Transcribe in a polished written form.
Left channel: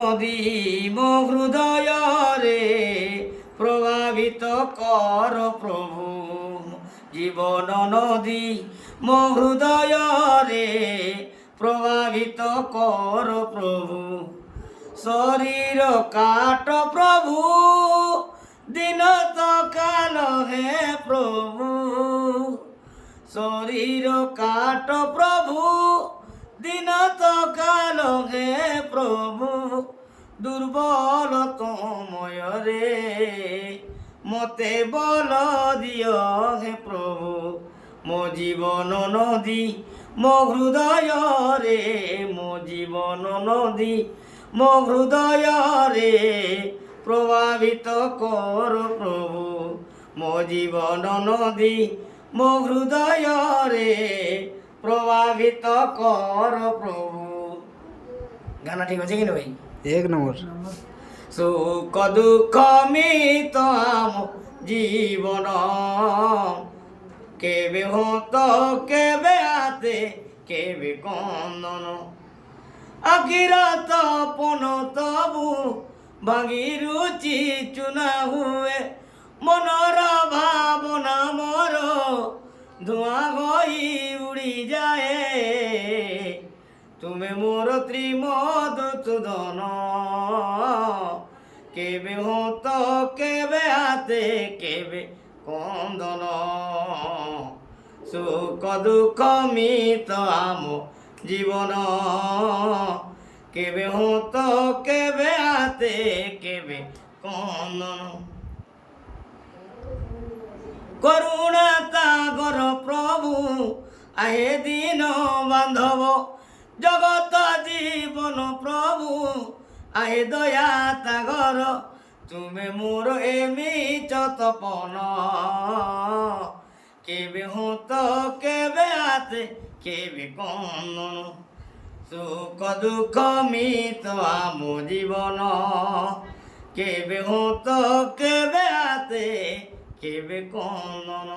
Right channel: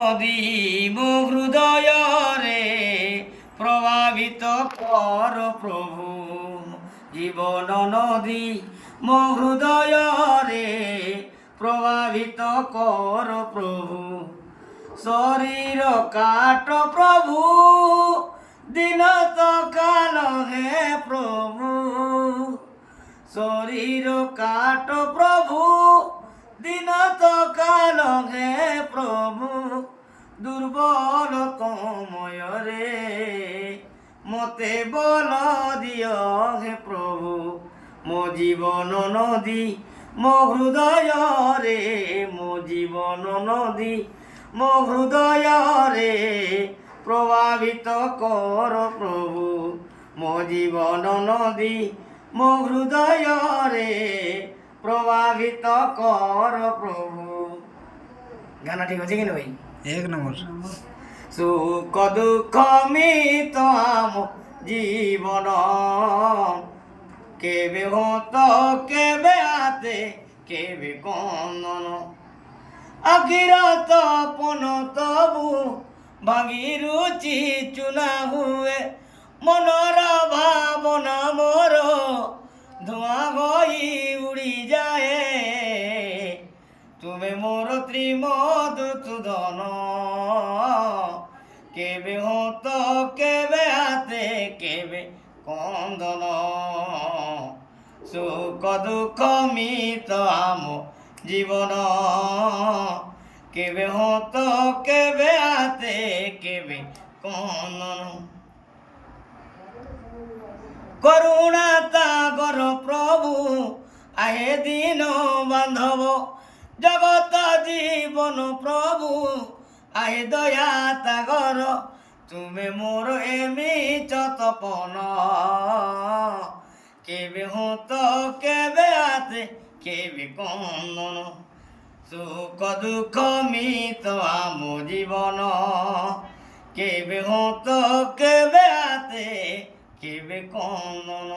নদী ମୋ ହୃଦୟରେ ପ୍ରଭାବିତ କର ପ୍ରଭୁ ଜୀବନ ନଦୀ ମୋ ହୃଦୟରେ ପ୍ରଭାବିତ କର ପ୍ରଭୁ ଶରୀର କାଟ ପ୍ରଭୁ ଦିନ ସକାଳ ହେ ପ୍ରଭୁ ଶରୀର କାଟ ପ୍ରଭୁ ଦିନ ସକାଳ ହେ ପ୍ରଭୁ ଦୁର୍ବଳ ସମୟରେ ମତେ ବଳ ଦିଅ ହେ ପ୍ରଭୁ ମୋ ଜୀବନ ନଦୀ ମୋ ହୃଦୟରେ ମୋ ଜୀବନ ନଦୀ ମୋ ହୃଦୟରେ ପ୍ରଭାବିତ କର ପ୍ରଭୁ ମୋ ଜୀବନ ନଦୀ ମୋ ହୃଦୟରେ প্রভাবিত কর প্রভু। গানা ঠিক আছে কিনা ভাই? এক নম্বর। সুখ দুঃখ মিত আম জীবন কেবে হত কেবে হাতে কেবে কন্দন আখিরাত পন তবু ভাঙি রুচি চুনা হুয়ে মনর ভাবনা মর ধোঁয়া হই উড়ি যায় তুমি মোর ত্রিমদ তুদন কেবে হত কেবে হাতে কেবে কন্দন সুখ দুঃখ মিত আম জীবন কেবে হত কেবে হাতে কেবে কন্দন করুণা তাগর প্রভু আহে দিন বান্ধব জগত জীবন প্রভু আহে দয়া তাগর তুমি মোর এমি তপন কেবে হত কেবে হাতে কেবে কন্দন সুখ দুঃখ মিত আম জীবন কেবে হত কেবে হাতে কেবে কন্দন।